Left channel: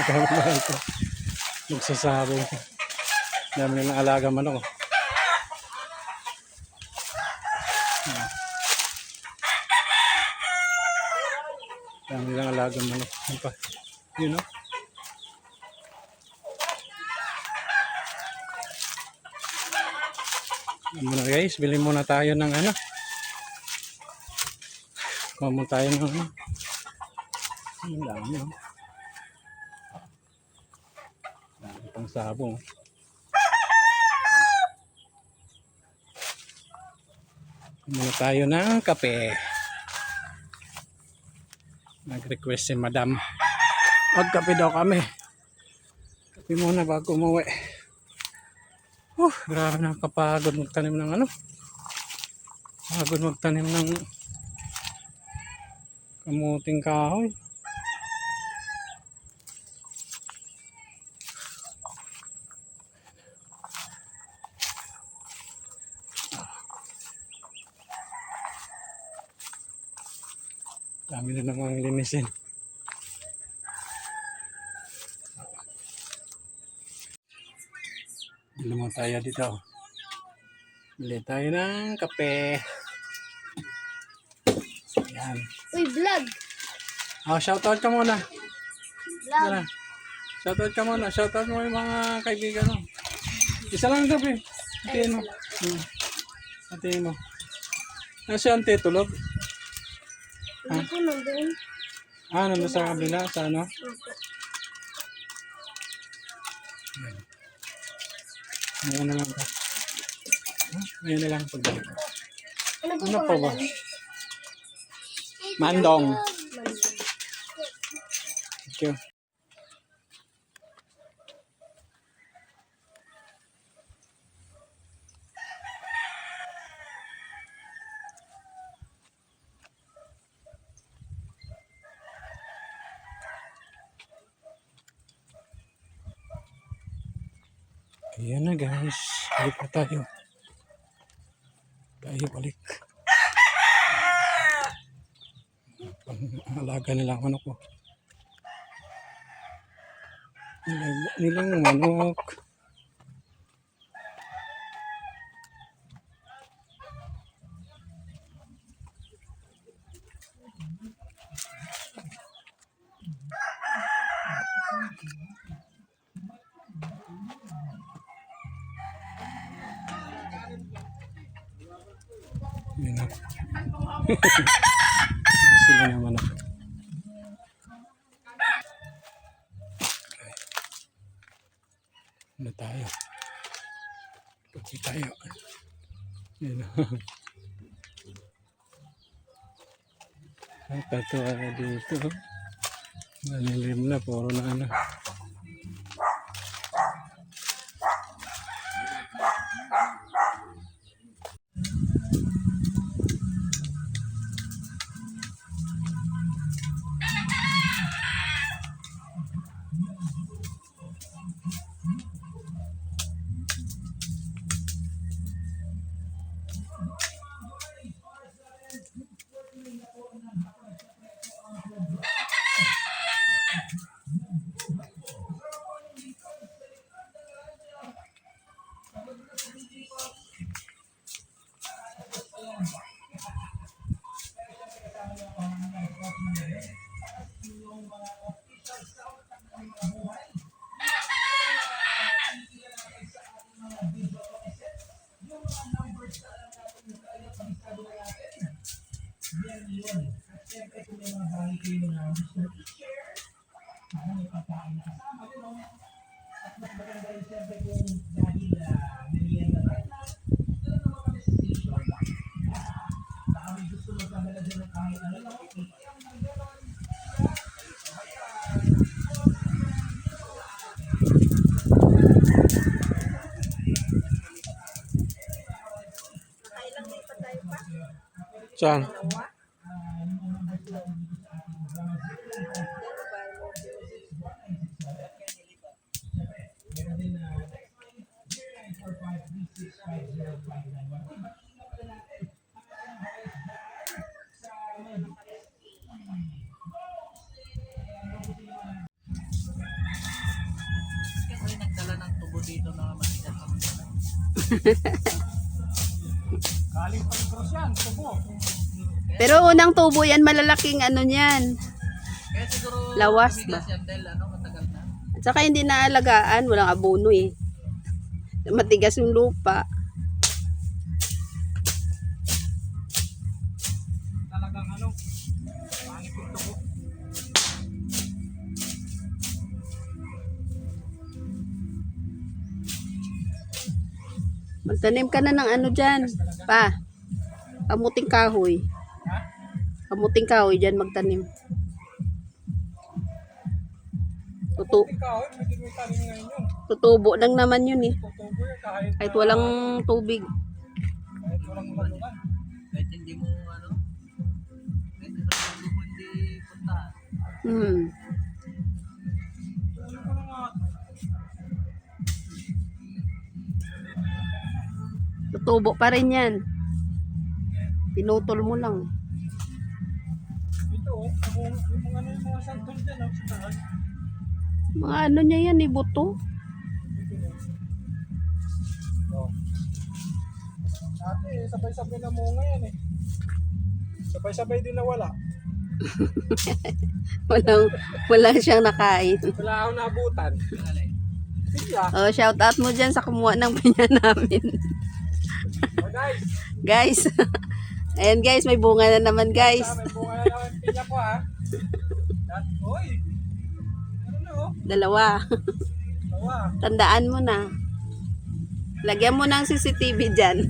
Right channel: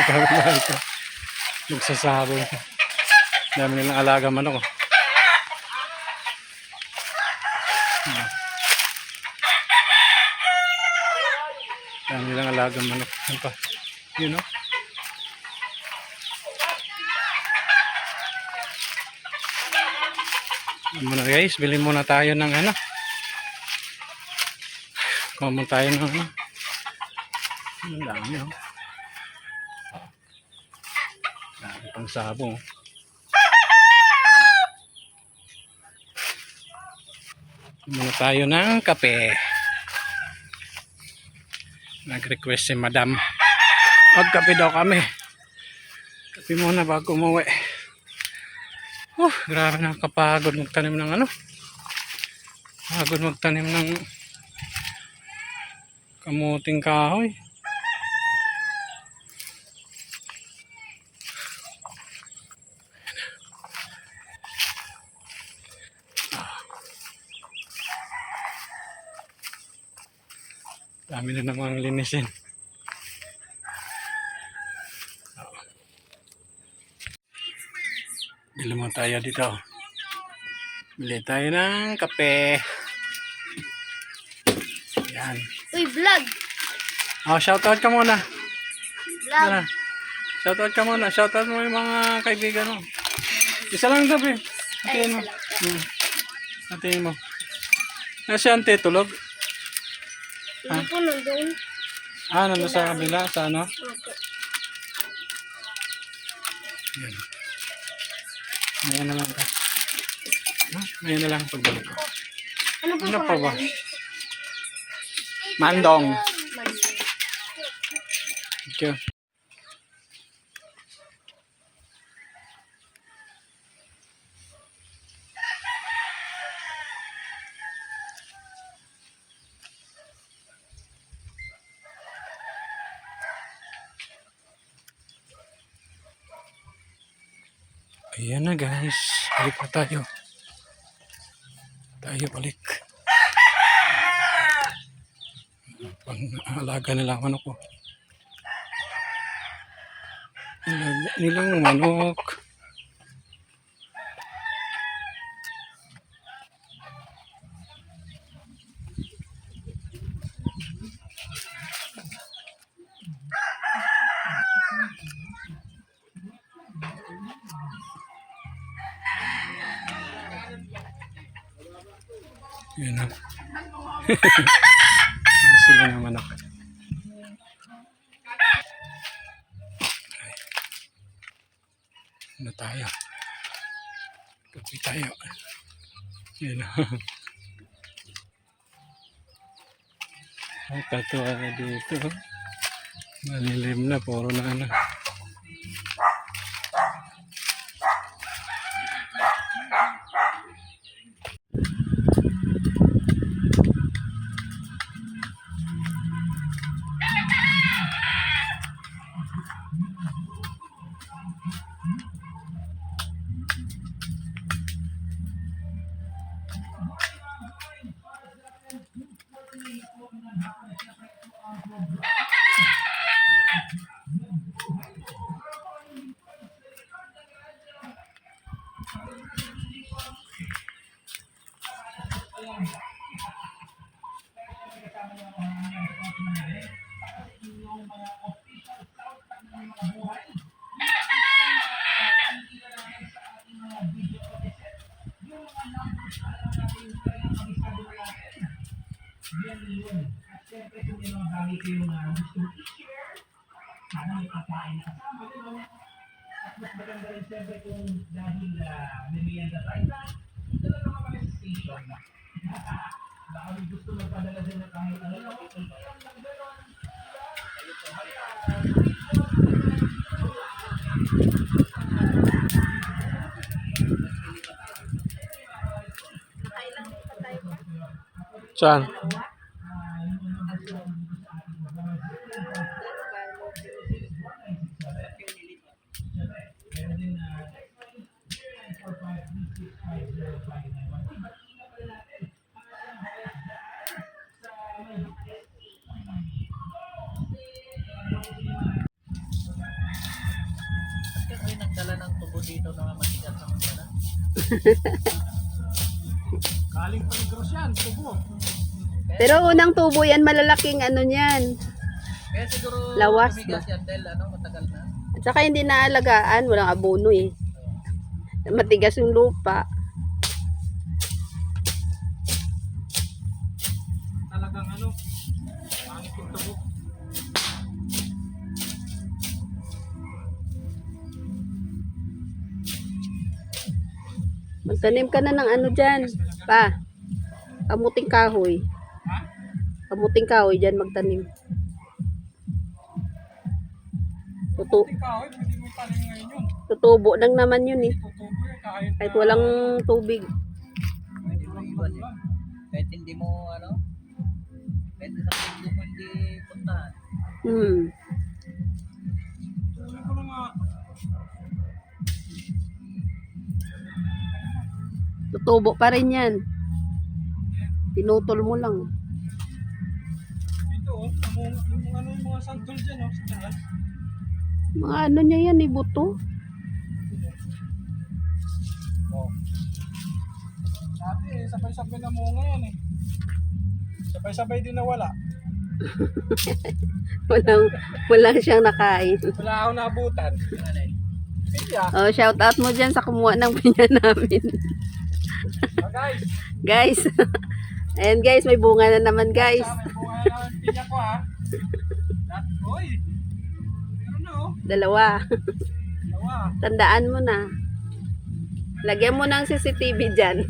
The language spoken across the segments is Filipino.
Magkakabahan ka. Magsasabong. Dami nilang alaga manok. Dami nilang alaga manok. Ano pa? Yun o. Muna guys, bilhin muna tayo ng ano. Kuha muna tayo ng ano. Ang dami o. Dami pang sabong. Muna tayo ng kape. Nag-request si madam. Magkape daw kami. Kape muna bago umuwi. Grabe nakakapagod magtanim ng ano. Pagod magtanim ng kamuting kahoy. Dami na namang linisin. Bili mo tayo dito. Bili tayo ng kape. Yan. Uy, vlog! Shoutout ka muna. Vlog! Shoutout ka muna. Shoutout mo yung mga kaibigan mo. Isa lang gabi. Hatiin mo. Hatiin mo. Si Ante tulog? Hindi po nandun. Nandun sa kabila? Sa ano? Opo. Yan. Ngayon na lang ka. Ngayon na lang pagbalik ko. Ano pa ba? Mandong. Thank you. Ayan na guys. Balik na tayo. Balik. Pang-alaga nila ang manok ko. Nilang manok. Yun na. Sila naman ako. Okay. Ano tayo? Kapi tayo. Yun na. Katuwa na dito. Malilim na. Puro na ano. At syempre kung may mga bagay kayo na gusto i-share, sana may pagkain na kasama, di ba? At mas maganda rin syempre kung dahil merienda tayo na, ito lang naman kami sa station. Baka may gusto magpadala din ng kahit ano lang, ito pa yan ng gano'n. Saan? dito na matigas naman yan. Galing pa Negros yan, tubo. Pero unang tubo yan, malalaking ano niyan. Kaya siguro Lawas tumigas yan dahil matagal na. At saka hindi naalagaan, walang abono eh. Matigas yung lupa. Talagang pangit yung tubo. Magtanim ka na ng ano dyan. Pa, kamuting kahoy. Kamuting kahoy dyan magtanim. Ikaw, pwede mo itanim ngayon yun. Tutubo lang naman yun eh. Tutubo yan kahit Kahit walang tubig. kahit walang ulan. Kahit hindi mo kahit isang mundo mo hindi puntahan. Tuloy ko na nga. Tutubo pa rin yan. Pinutol mo lang. Ito yung mga santol dyan sa taas. Mga ano niya yan, ibuto. Oh. Dati sabay-sabay na munga yan eh. Sabay-sabay din nawala. Walang siyang nakain. Wala akong naabutan. Pilya. Oh, shout out mo dyan sa kumuha ng pinya namin. Oh, guys. Guys. Ayan guys, may bunga na naman guys. May bunga na naman pinya ko ha. Hoy. Meron na oh. Dalawa. Dalawa. Tandaan mo na. Lagyan mo ng CCTV dyan.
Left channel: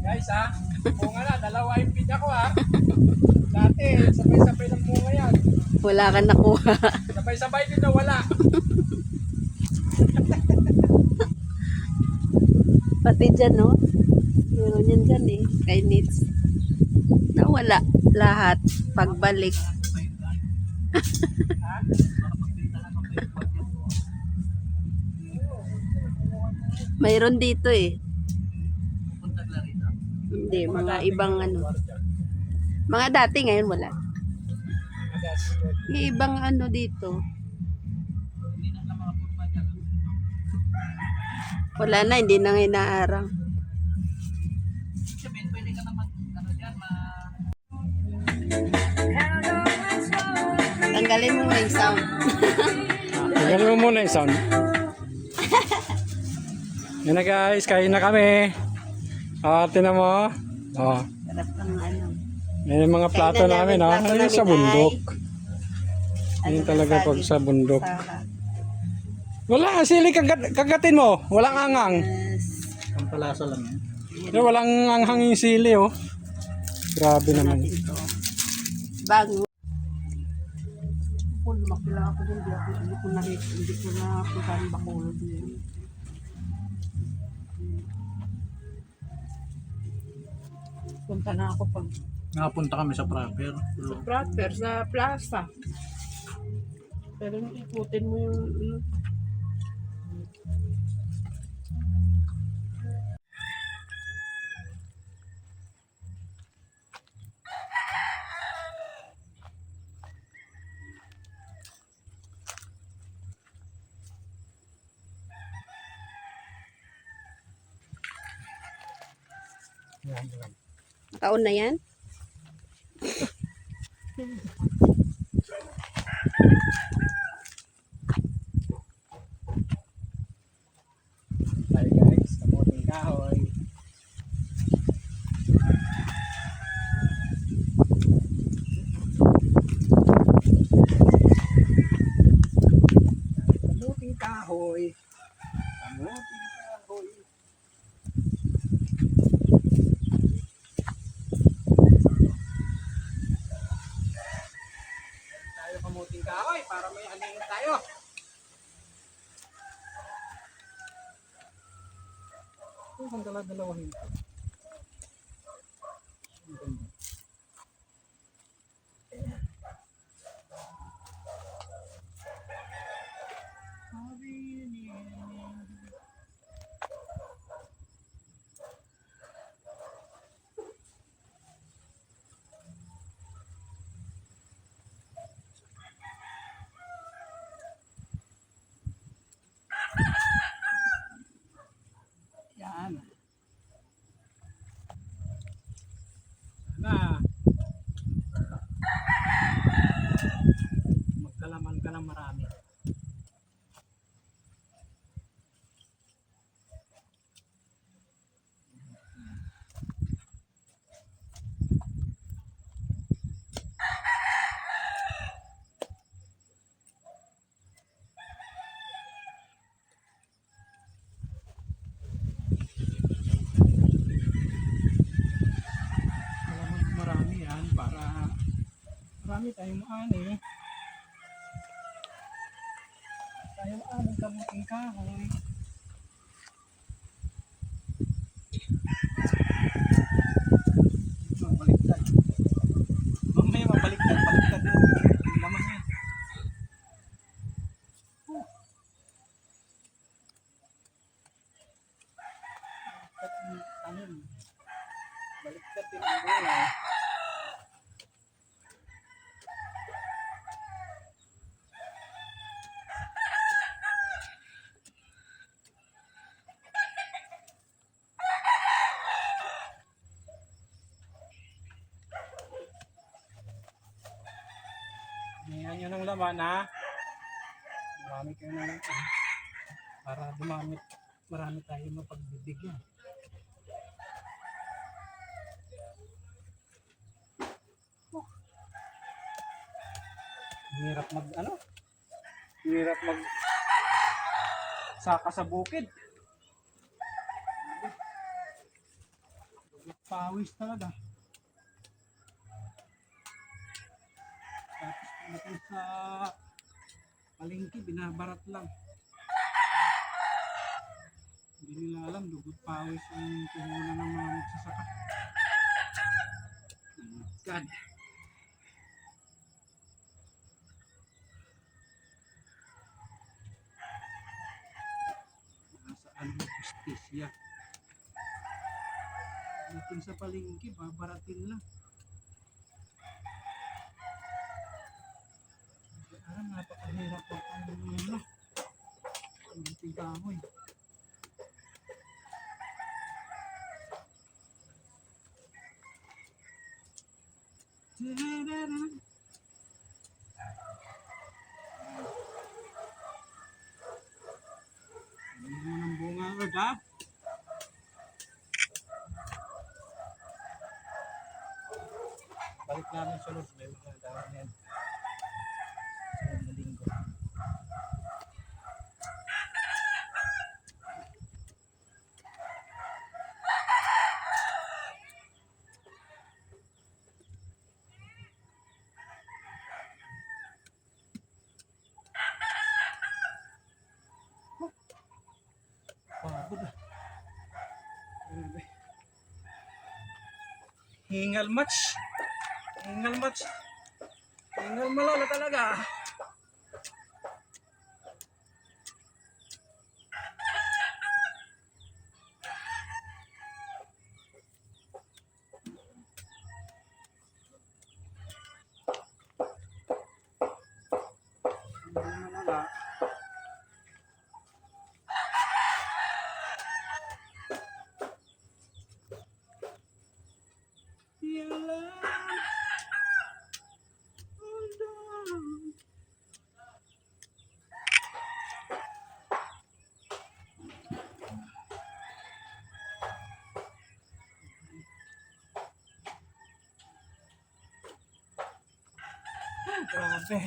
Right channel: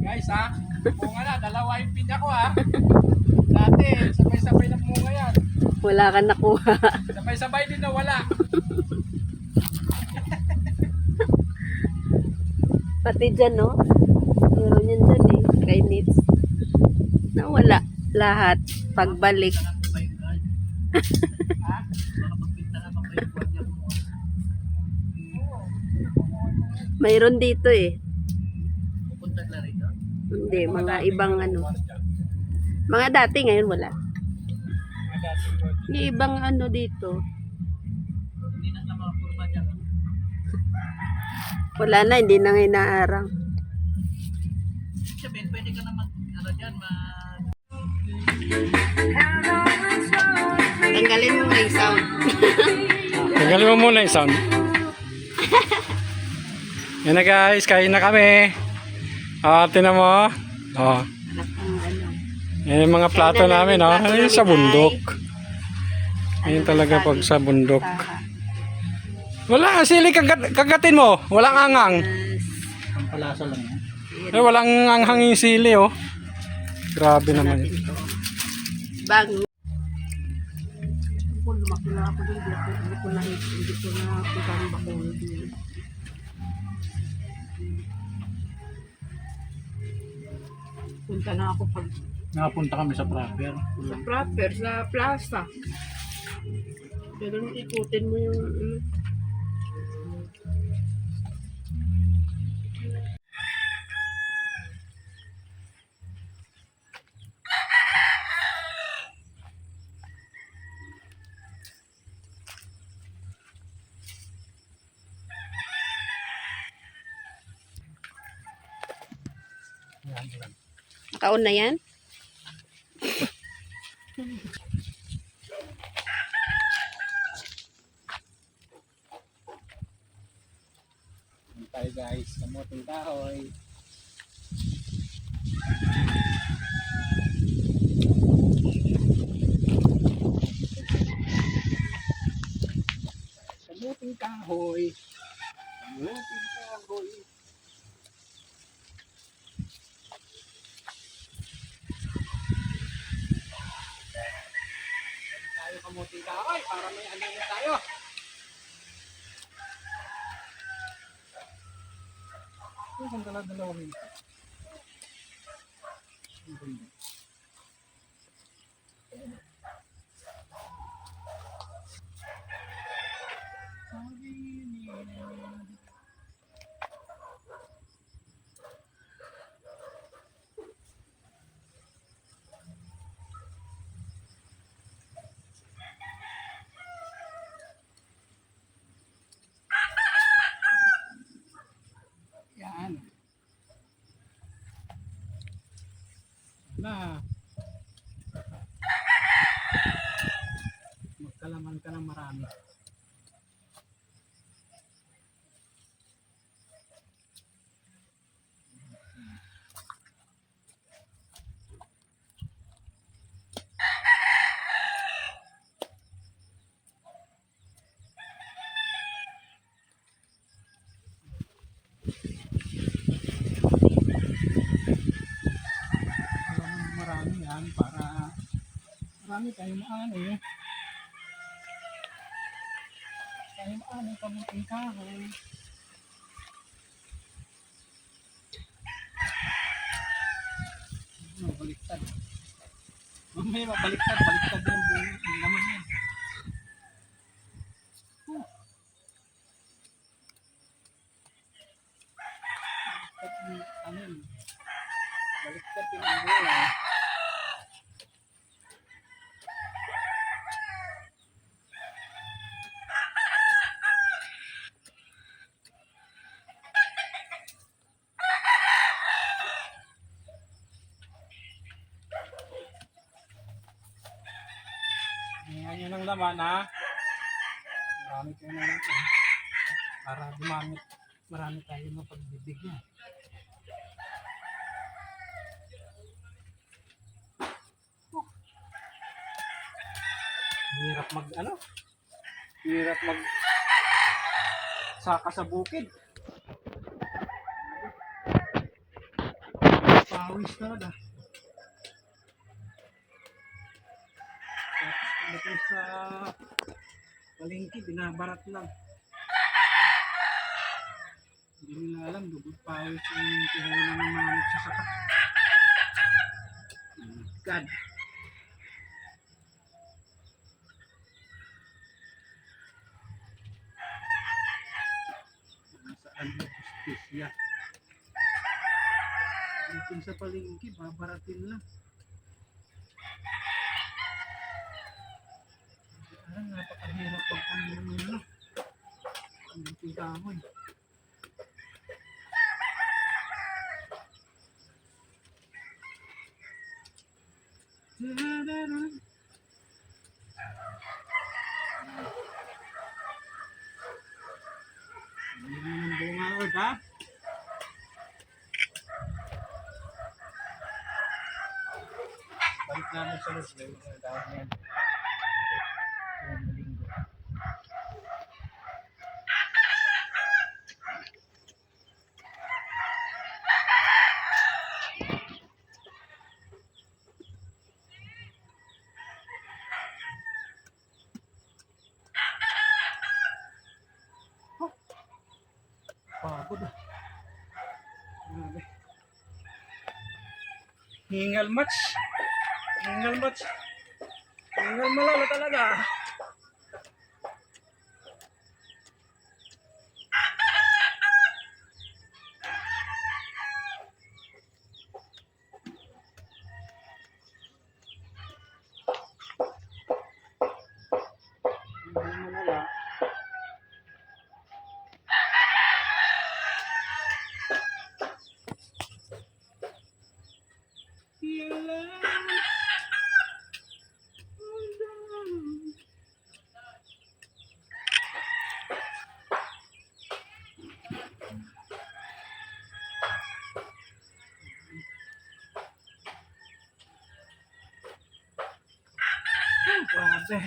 Guys ha. Bunga na. Dalawa yung pinya ko ha. Dati sabay-sabay ng bunga yan. Wala kang nakuha. Sabay-sabay din nawala. Pati dyan, no? Meron yan dyan eh. Kay Nits. Nawala lahat. Pagbalik. Mayroon dito eh. Pupunta ka rito. Hindi, mga ibang ano. Mga dati ngayon wala. Yung ibang ano dito. Hindi na ka makapurma dyan. Wala na, hindi na ngayon naarang. Sabihin, pwede ka naman dyan, Tanggalin mo yung sound. Tanggalin mo muna yung sound. Yan na guys, kain na kami. Tinan mo. Sarap ang ano. Yan yung mga plato namin. Ayun sa bundok. Ayun talaga pag sa bundok. Wala, sili kagatin mo. Walang angang. Ang palasa lang. Walang anghang yung sili oh. Grabe naman yun. Bago. Kung lumakila ako doon, hindi ko na punta ng Bacolod din. Punta na ako pag Nakapunta kami sa proper. sa proper, sa plaza. Pero ikutin mo yung ano. Kaon na yan? Hi guys, kamuting kahoy. Kamuting kahoy. Kamuting kahoy. Tayo kamuting kahoy para may anihin tayo. Ang dala-dalawahin. Ang ganda. Sabi niya. Marami tayong maani. Tayong maani kamuting kahoy. Baliktad. Mamaya mabaliktad, baliktad yung laman yan. Baliktad yung tanim. Baliktad yung bunga. Hingan nyo ng laman ha. Marami kayo ng laman. Para marami tayo mapagbibigyan. Hirap hirap saka sa bukid. Pawis talaga. Tapos sa palengke, binabarat lang. Hindi nila alam, dugot pawis yung puhunan ng mga magsasaka. Oh my God. Nasaan yung justisya? Dito sa palengke, babaratin lang. Alam, napakahirap pagtanim ng ano. Ang kahoy. Ang bunga ko ba? Balik namin sa loob. Mga dahon yan. Sunod na linggo. Pagod ah. Grabe. Hingal match. Hingal match. Hingal malala talaga. Hingal malala. Grabe.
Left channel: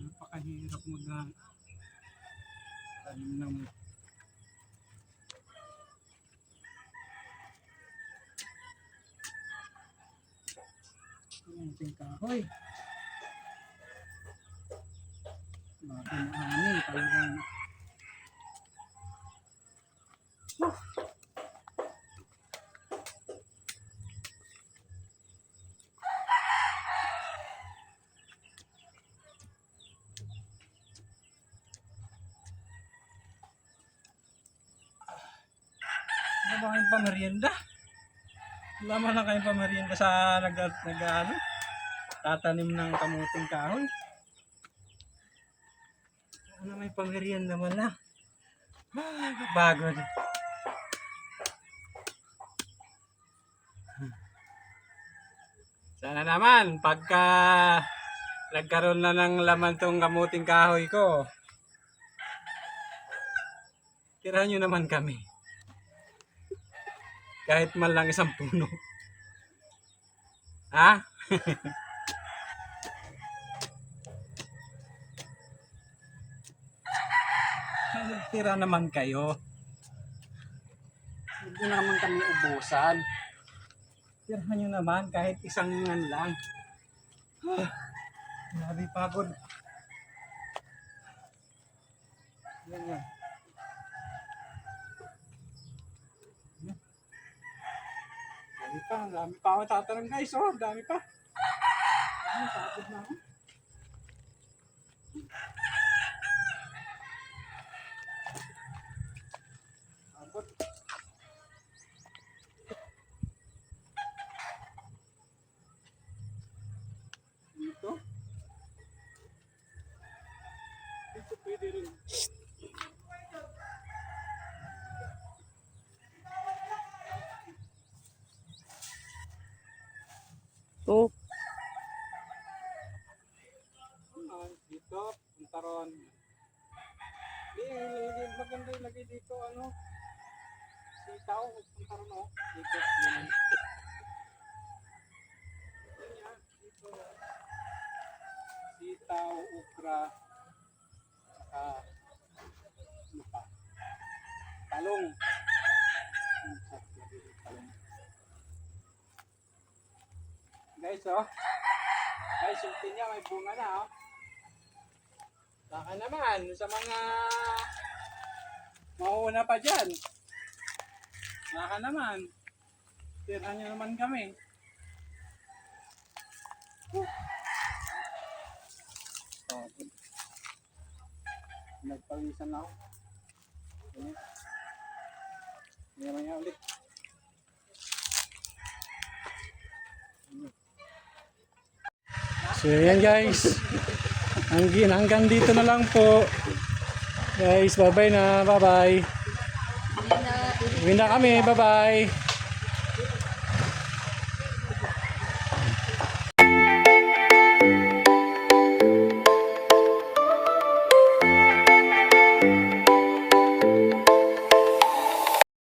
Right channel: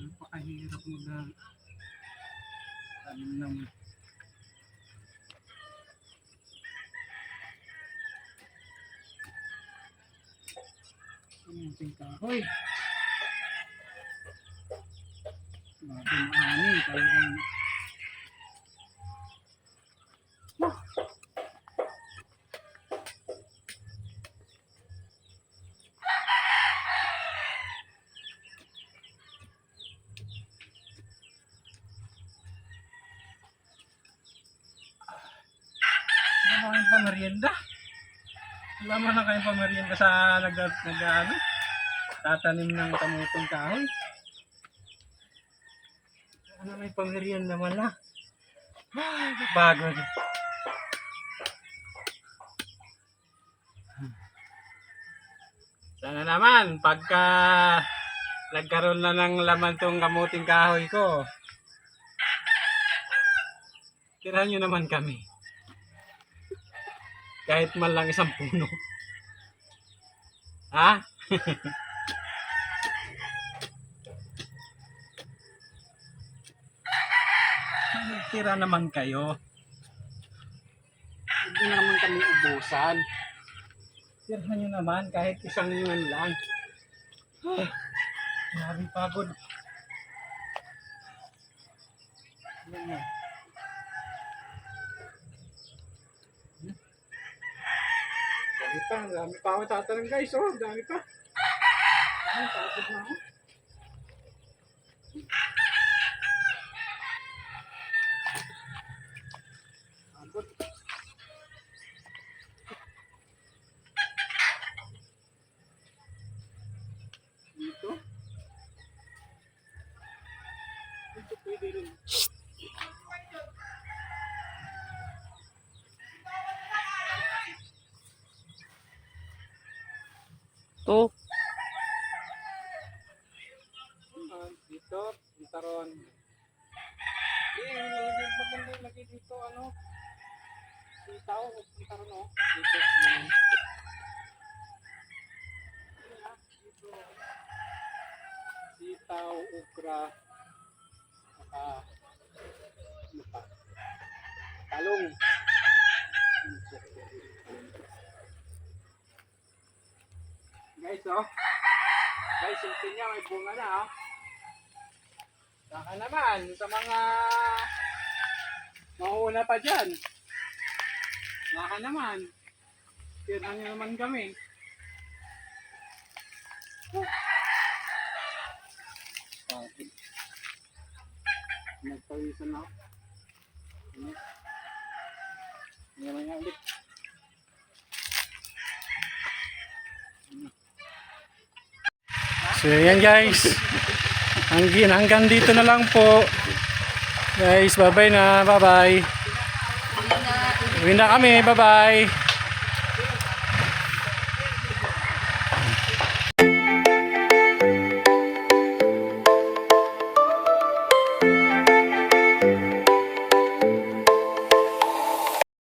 Napakahirap tanim ng kamuting kahoy. Grabe maani talagang. Ano ba kayong pamerienda? Wala man na kayong pamerienda sa tatanim ng kamuting kahoy. Ano may pamerienda wala? Bago. Sana naman pagka nagkaroon na ng laman tong kamuting kahoy ko, tirahan nyo naman kami. Kahit man lang isang puno. Ha? Tira naman kayo. Hindi na naman kami ubusan. Tirhan nyo naman kahit isang ano lang. Grabe pagod. Yan yan. Dami pa ako tatanong guys, oh, dami pa. Ay, pagod na ako. Pagod. Dito. Dito pwede rin. Oh, Dito, punta ron. Maganda lagi dito, ano? Sitaw, punta ron, oh. Dito, yan. Dito. Sitaw, ukra, saka, ano pa? Talong. Guys, oh. Guys, yung pinya may bunga na, oh. Saka naman, sa mga mauuna pa dyan. Saka naman. Tirhan nyo naman kami. Nagpawisan na ako. Ano? Ngayon nga ulit. So yan guys. Hanggang dito na lang po. Guys, bye-bye na. Bye-bye. Uwi na kami. Bye-bye.